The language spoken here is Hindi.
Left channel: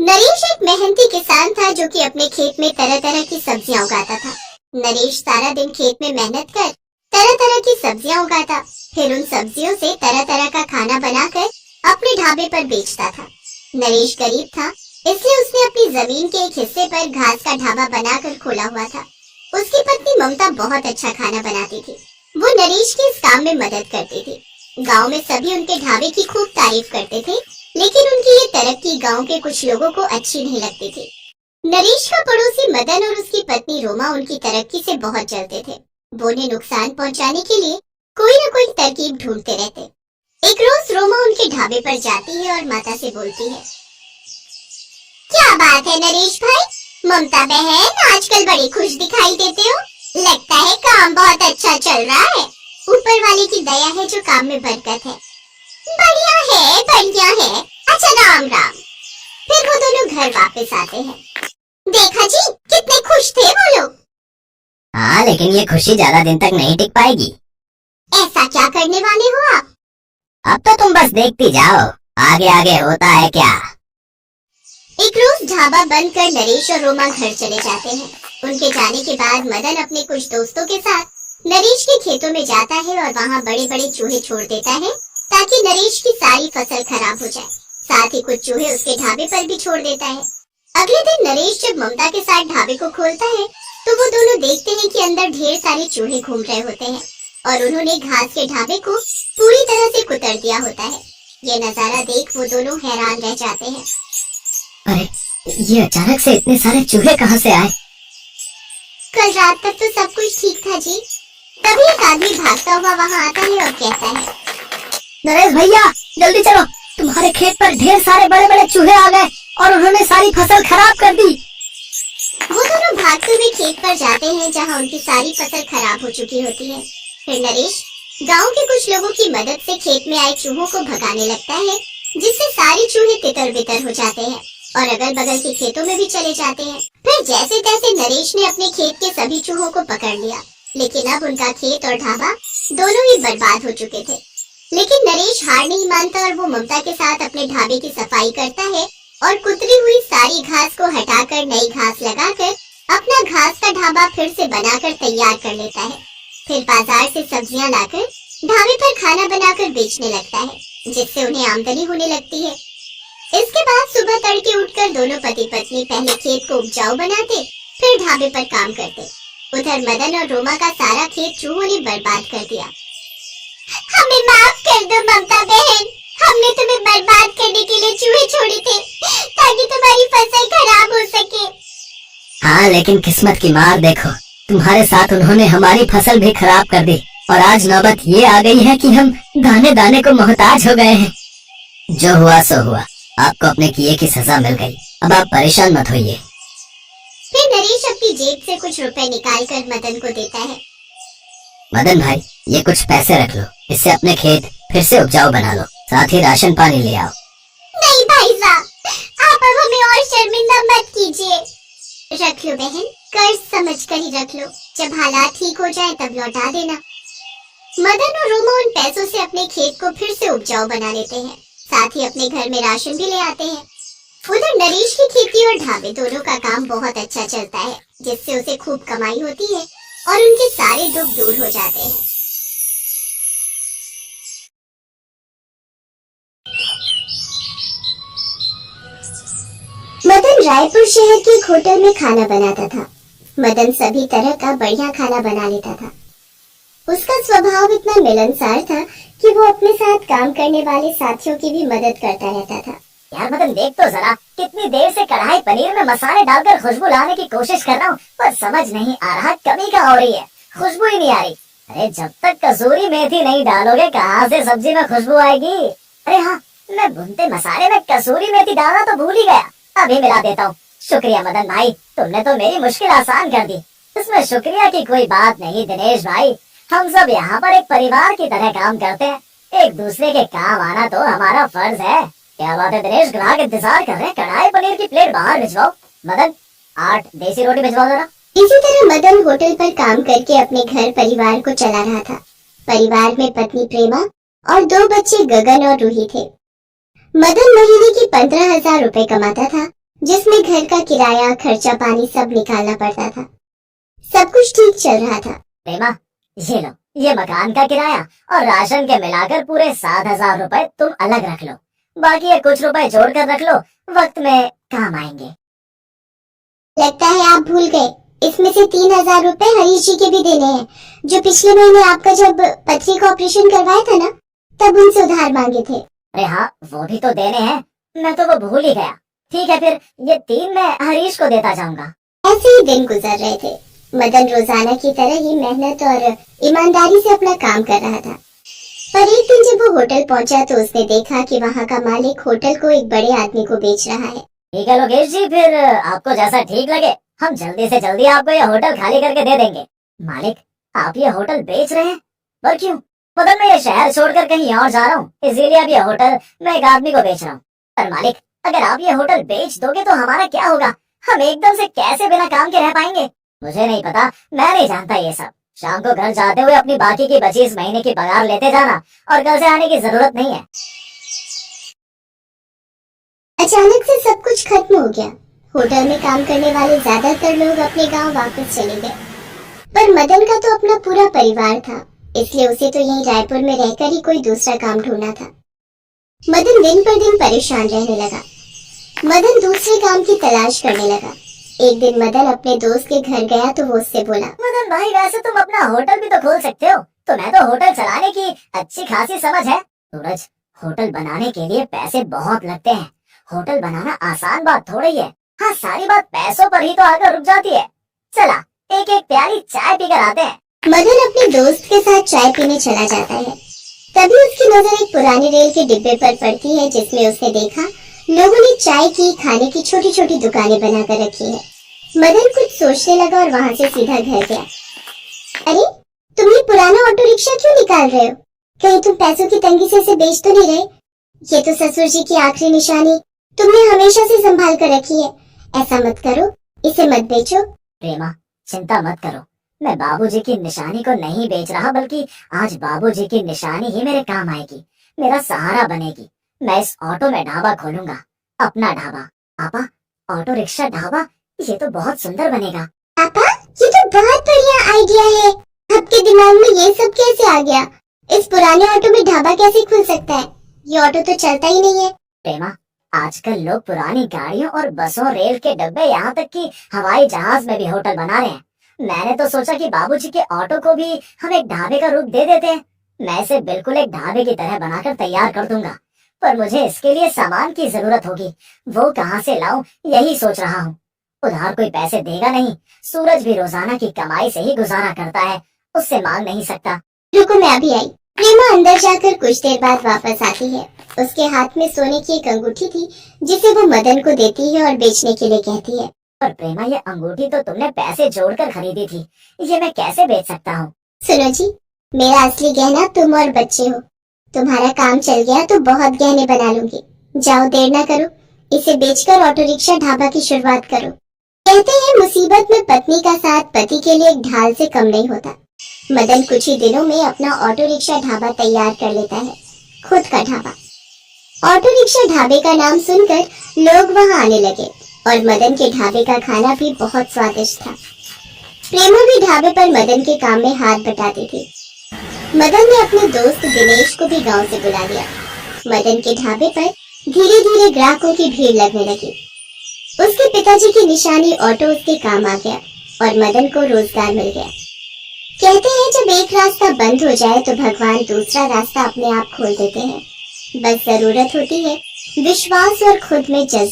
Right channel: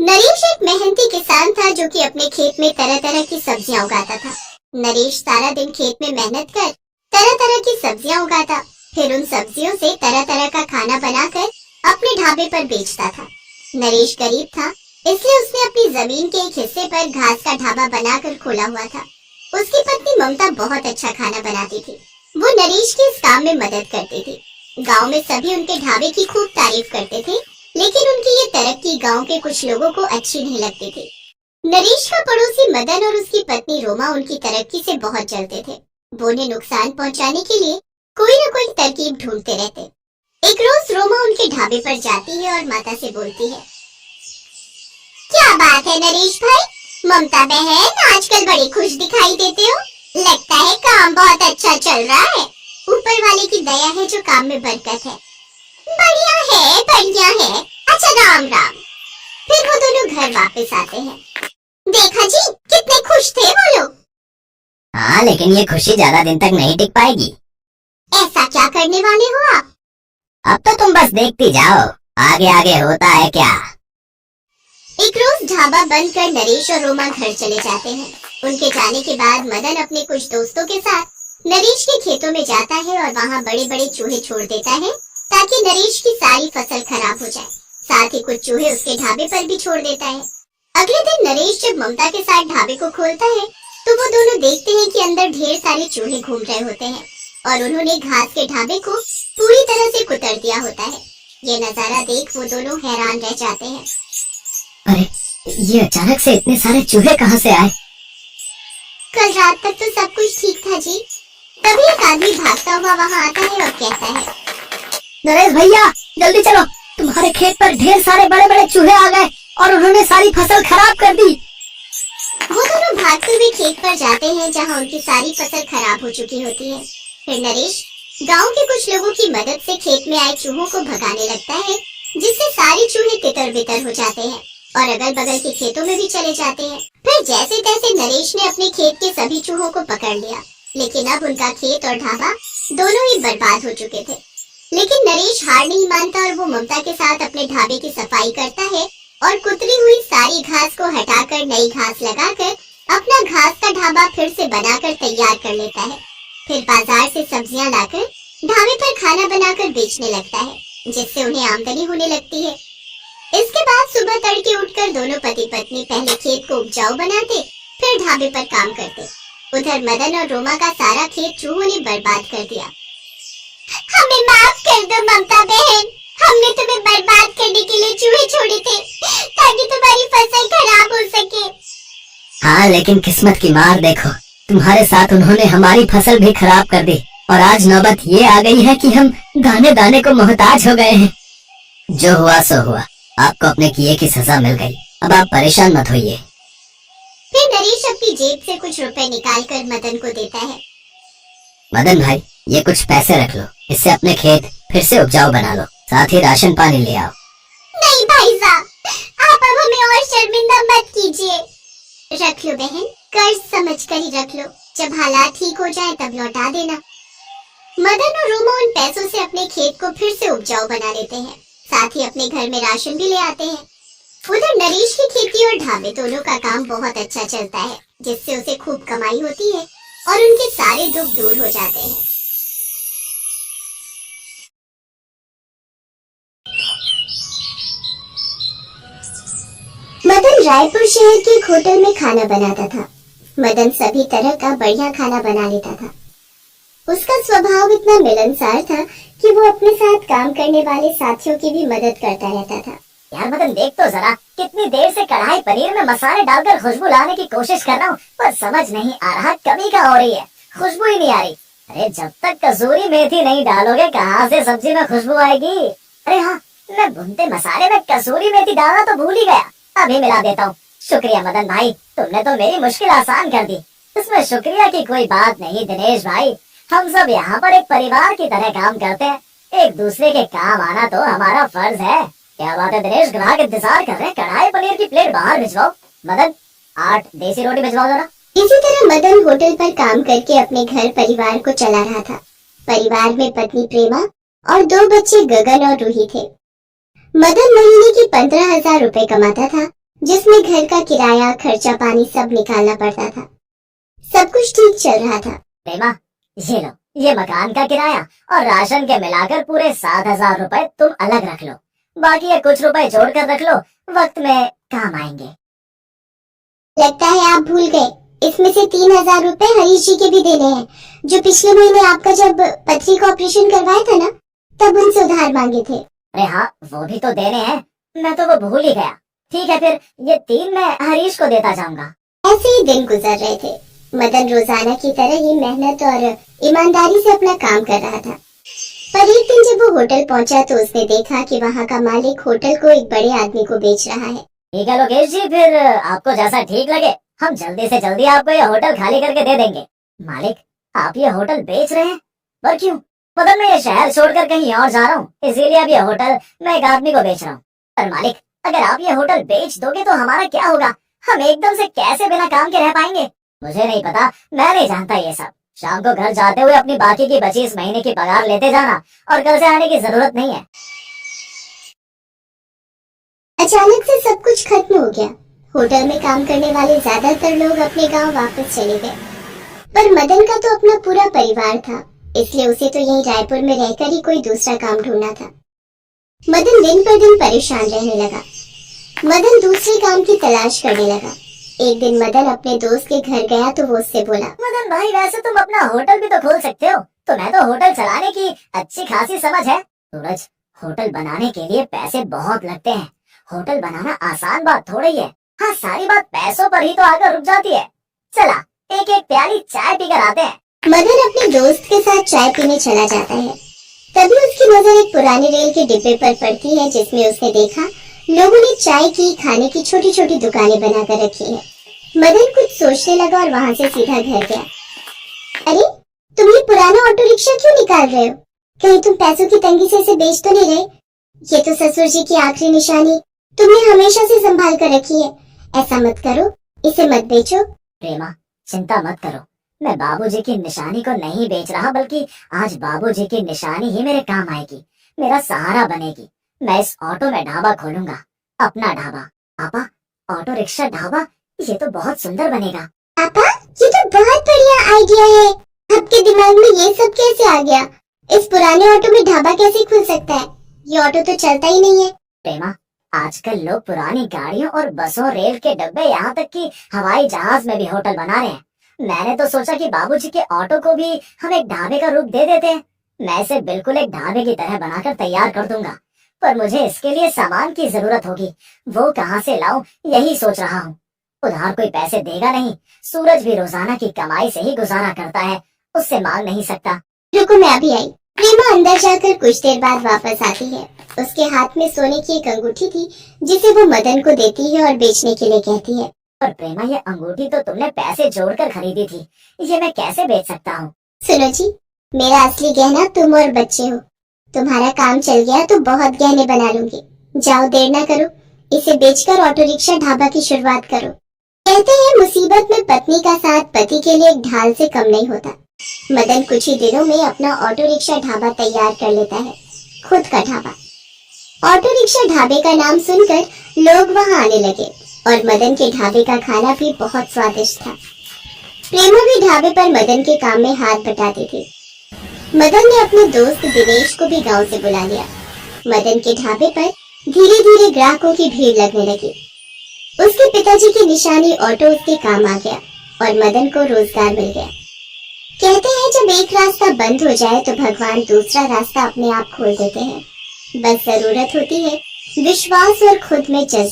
नरेश एक मेहनती किसान था जो कि अपने खेत में तरह तरह की सब्जियां उगाता था। नरेश सारा दिन खेत में मेहनत कर तरह तरह की सब्जियां उगाता, फिर उन सब्जियों से तरह तरह का खाना बनाकर अपने ढाबे पर बेचता था। नरेश गरीब था, इसलिए उसने अपनी जमीन के एक हिस्से पर घास का ढाबा बनाकर खोला हुआ था। उसकी पत्नी ममता बहुत अच्छा खाना बनाती थी। वो नरेश के इस काम में मदद करती थी। गांव में सभी उनके ढाबे की खूब तारीफ करते थे, लेकिन उनकी ये तरक्की गांव के कुछ लोगों को अच्छी नहीं लगती थी। नरेश का पड़ोसी मदन और उसकी पत्नी रोमा उनकी तरक्की से बहुत जलते थे। वो उन्हें नुकसान पहुंचाने के लिए कोई न कोई तरकीब ढूंढते रहते। एक रोज रोमा उनके ढाबे पर जाती है और माता से बोलती है, क्या बात है नरेश भाई, ममता बहन आजकल बड़ी खुश दिखाई देते हो। लगता है काम बहुत अच्छा चल रहा है। ऊपर वाले की दया है जो काम में बरकत है। बढ़िया है, बढ़िया है। अच्छा राम राम। फिर वो दोनों घर वापस आते हैं। देखा जी, कितने खुश थे वो लोग। हाँ, लेकिन ये खुशी ज्यादा दिन तक नहीं टिक पाएगी। ऐसा क्या करने वाले हो आप? अब तो तुम बस देखती जाओ, आगे आगे होता है क्या। एक रोज ढाबा बंद कर नरेश और रोमा घर चले जाते हैं। उनके जाने के बाद मदन अपने कुछ दोस्तों के साथ नरेश के खेतों में जाता है और वहाँ बड़े बड़े चूहे छोड़ देता है ताकि नरेश की सारी फसल खराब हो जाए। साथ ही कुछ चूहे उसके ढाबे पर भी छोड़ देता है। अगले दिन नरेश जब ममता के साथ ढाबे को खोलता है तो वो दोनों देखते हैं कि अंदर ढेर सारे चूहे घूम रहे होते हैं और उन्होंने घास के ढाबे को पूरी तरह से कुतर दिया होता है। ये नजारा देख वो दोनों हैरान रह जाते हैं। अरे, ये अचानक से इतने सारे चूहे कहाँ से आए? कल रात तक तो सब कुछ ठीक था जी। तभी एक आदमी भागता हुआ वहाँ आता है और कहता है, नरेश भैया जल्दी चलो, तुम्हारे खेत पर ढेर सारे बड़े बड़े चूहे आ गए और उन्होंने सारी फसल खराब कर दी। वो दोनों भागते हुए खेत पर जाते हैं जहाँ उनकी सारी फसल खराब हो चुकी होती है। फिर नरेश गांव के कुछ लोगों की मदद से खेत में आए चूहों को भगाने लगता है, जिससे सारे चूहे तितर बितर हो जाते हैं और अगल बगल के खेतों में भी चले जाते हैं। फिर जैसे तैसे नरेश ने अपने खेत के सभी चूहों को पकड़ लिया, लेकिन अब उनका खेत और ढाबा दोनों ही बर्बाद हो चुके थे। लेकिन नरेश हार नहीं मानता और वो ममता के साथ अपने ढाबे की सफाई करता है और कुतरी हुई सारी घास को हटाकर नई घास लगाकर अपना घास का ढाबा फिर से बनाकर तैयार कर लेता है। फिर बाजार से सब्जियां लाकर ढाबे पर खाना बनाकर बेचने लगता है, जिससे उन्हें आमदनी होने लगती है। इसके बाद सुबह तड़के उठकर दोनों पति पत्नी पहले खेत को उपजाऊ बनाते, फिर ढाबे पर काम करते। उधर मदन और रोमा का सारा खेत चूहों ने बर्बाद कर दिया। हमें माफ कर दो ममता बहन, हमने तुम्हें बर्बाद करने के लिए चूहे छोड़े थे ताकि तुम्हारी फसल खराब हो सके। हाँ, लेकिन किस्मत की मार देखो, तुम्हारे साथ उन्होंने हमारी फसल भी खराब कर दी और आज नौबत ये आ गई है कि हम दाने दाने को मोहताज हो गए हैं। जो हुआ सो हुआ, आपको अपने किए की सजा मिल गई, अब आप परेशान मत होइए। फिर नरेश अपनी जेब से कुछ रुपए निकाल कर मदन को देता है। मदन भाई, ये कुछ पैसे रख लो, इससे अपने खेत फिर से उपजाऊ बना लो, साथ ही राशन पानी ले आओ। नहीं भाई साहब, आप अब हमें और शर्मिंदा मत कीजिए। रख लो बहन, कर्ज समझ कर ही रख लो, जब हालात ठीक हो जाए तब लौटा देना। मदन और रोमा उन पैसों से अपने खेत को फिर से उपजाऊ बना लेते हैं, साथ ही अपने घर में राशन भी ले आते हैं। उधर नरेश की खेती और ढाबे दोनों का काम बहुत अच्छा चलता है, जिससे उसे खूब कमाई होती है और उनके सारे दुख दूर हो जाते हैं। मदन रायपुर शहर के एक होटल में खाना बनाता था। मदन सभी तरह का बढ़िया खाना बना लेता था। उसका स्वभाव इतना मिलनसार था कि वो अपने साथ काम करने वाले साथियों की भी मदद करता रहता था। यार मदन, देख तो जरा, कितनी देर से कढ़ाई पनीर में मसाले डालकर खुशबू लाने की कोशिश कर रहा हूँ, पर समझ नहीं आ रहा कमी क्या हो रही है, खुशबू ही नहीं आ रही। अरे जब तक कसूरी मेथी नहीं डालोगे कहाँ से सब्जी में खुशबू आएगी। अरे हाँ, मैं भुनते मसाले में कसूरी मेथी डालना तो भूल ही गया, अभी मिला देता हूँ। शुक्रिया मदन भाई, तुमने तो मेरी मुश्किल आसान कर दी। इसमें शुक्रिया की कोई बात नहीं दिनेश भाई, हम सब यहाँ पर एक परिवार की तरह काम करते हैं, एक दूसरे के काम आना तो हमारा फर्ज है। क्या बात है दिनेश, ग्राहक इंतजार कर रहे हैं, कढ़ाई पनीर की प्लेट बाहर भिजवाओ। मदन, 8 देसी रोटी भिजवाओ जरा। इसी तरह मदन होटल पर काम करके अपने घर परिवार को चला रहा था। परिवार में पत्नी प्रेमा और 2 बच्चे गगन और रूही थे। मदन महीने की 15,000 रुपए कमाता था, जिसमें घर का किराया, खर्चा पानी सब निकालना पड़ता था। सब कुछ ठीक चल रहा था। प्रेमा, ये लो, ये मकान का किराया और राशन के मिलाकर पूरे 7,000 रुपए तुम अलग रख लो। बाकी ये कुछ रुपए जोड़ कर रख लो, वक्त में काम आएंगे। लगता है आप भूल गए, इसमें से 3,000 रुपए हरीश जी के भी देने हैं, जो पिछले महीने आपका जब पथरी का ऑपरेशन करवाया था ना, तब उनसे उधार मांगे थे। अरे हाँ, वो भी तो देने हैं, मैं तो वो भूल ही गया। ठीक है, फिर ये 3 मैं हरीश को देता जाऊंगा। ऐसे ही दिन गुजर रहे थे। मदन रोजाना की तरह ही मेहनत और ईमानदारी से अपना काम कर रहा था। पर एक दिन जब वो होटल पहुंचा तो उसने देखा कि वहाँ का मालिक होटल को एक बड़े आदमी को बेच रहा है। ठीक है लोकेश जी, फिर आपको जैसा ठीक लगे हम जल्दी से जल्दी आपको ये होटल खाली करके दे देंगे। मालिक, आप ये होटल बेच रहे हैं? पर क्यों? बदल में ये शहर छोड़कर कहीं और जा रहा हूँ, इसीलिए अब ये होटल मैं एक आदमी को बेच रहा हूँ। पर मालिक, अगर आप ये होटल बेच दोगे तो हमारा क्या होगा? हम एकदम से कैसे बिना काम के रह पाएंगे? मुझे नहीं पता, मैं नहीं जानता ये सब। शाम को घर जाते हुए अपनी बाकी की बची इस महीने की पगार लेते जाना, और कल से आने की जरूरत नहीं है। अचानक से सब कुछ खत्म हो गया। होटल में काम करने वाले ज्यादातर लोग अपने गांव वापस चले गए। पर मदन का तो अपना पूरा परिवार था, इसलिए उसे तो यहीं रायपुर में रहकर ही कोई दूसरा काम ढूंढना था। मदन दिन पर दिन परेशान रहने लगा। मदन दूसरे काम की तलाश करने लगा। एक दिन मदन अपने दोस्त के घर गया तो वो उससे बोला, मदन भाई, वैसे तुम अपना होटल भी तो खोल सकते हो, तुम्हें तो होटल चलाने की अच्छी खासी समझ है। सूरज, होटल बनाने के लिए पैसे बहुत लगते हैं। होटल बनाना आसान बात थोड़ी है। हाँ, सारी बात पैसों पर ही तो आकर रुक जाती है। चला, एक एक प्याली चाय पीकर आते हैं। मदन अपने दोस्त के साथ चाय पीने चला जाता है। तभी उसकी नजर एक पुराने रेल के डिब्बे पर पड़ती है, जिसमें उसने देखा लोगों ने चाय की, खाने की छोटी छोटी दुकानें बनाकर रखी है। मदन कुछ सोचने लगा और वहाँ से सीधा घर गया। अरे, तुम ये पुराना ऑटो रिक्शा क्यों निकाल रहे हो? कहीं तुम पैसों की तंगी से इसे बेच तो नहीं रहे? ये तो ससुर जी की आखिरी निशानी तुमने हमेशा से संभाल कर रखी है। ऐसा मत करो, इसे मत बेचो। प्रेमा, चिंता मत करो, मैं बाबूजी की निशानी को नहीं बेच रहा, बल्कि आज बाबूजी की निशानी ही मेरे काम आएगी, मेरा सहारा बनेगी। मैं इस ऑटो में ढाबा खोलूंगा, अपना ढाबा। पापा, ऑटो रिक्शा ढाबा, ये तो बहुत सुंदर बनेगा। पापा, ये तो बहुत बढ़िया आइडिया है। आपके दिमाग में ये सब कैसे आ गया? इस पुराने ऑटो में ढाबा कैसे खुल सकता है? ये ऑटो तो चलता ही नहीं है। प्रेमा, आजकल लोग पुरानी गाड़ियों और बसों, रेल के डब्बे, यहाँ तक कि हवाई जहाज में भी होटल बना रहे हैं। मैंने तो सोचा कि बाबूजी के ऑटो को भी हम एक ढाबे का रूप दे देते हैं। मैं इसे बिल्कुल एक ढाबे की तरह बनाकर तैयार कर दूंगा, पर मुझे इसके लिए सामान की जरूरत होगी। वो कहाँ से लाऊं, यही सोच रहा हूँ। उधार कोई पैसे देगा नहीं, सूरज भी रोजाना की कमाई से ही गुजारा करता है, उससे मांग नहीं सकता। रुको, मैं अभी आई। प्रेमा अंदर जाकर कुछ देर बाद वापस आती है। उसके हाथ में सोने की एक अंगूठी थी, जिसे वो मदन को देती है और बेचने के लिए कहती है। पर प्रेमा, ये अंगूठी तो तुमने पैसे जोड़कर खरीदी थी, ये मैं कैसे बेच सकता हूँ? सुनो जी, मेरा असली गहना तुम और बच्चे हो। तुम्हारा काम चल गया तो बहुत गहने बना लूंगी। जाओ, देर ना करो, इसे बेचकर ऑटो रिक्शा ढाबा की शुरुआत करो। कहते हैं मुसीबत में पत्नी का साथ पति के लिए एक ढाल से कम नहीं होता। मदन कुछ ही दिनों में अपना ऑटो रिक्शा ढाबा तैयार कर लेता है, खुद का ढाबा। ऑटो रिक्शा ढाबे का नाम सुनकर लोग वहां आने लगे और मदन के ढाबे का खाना भी बहुत स्वादिष्ट था। प्रेमा भी ढाबे पर मदन के काम में हाथ बटाती थी। मदन ने अपने दोस्त दिनेश को भी गांव से बुला लिया। मदन के ढाबे पर धीरे धीरे ग्राहकों की भीड़ लगने लगी। उसके पिताजी की निशानी ऑटो उसके काम आ गया और मदन को रोजगार मिल गया। कहते हैं जब एक रास्ता बंद हो जाए तो भगवान दूसरा रास्ता अपने आप खोल देते हैं। बस जरूरत होती है विश्वास और खुद में जज्बा।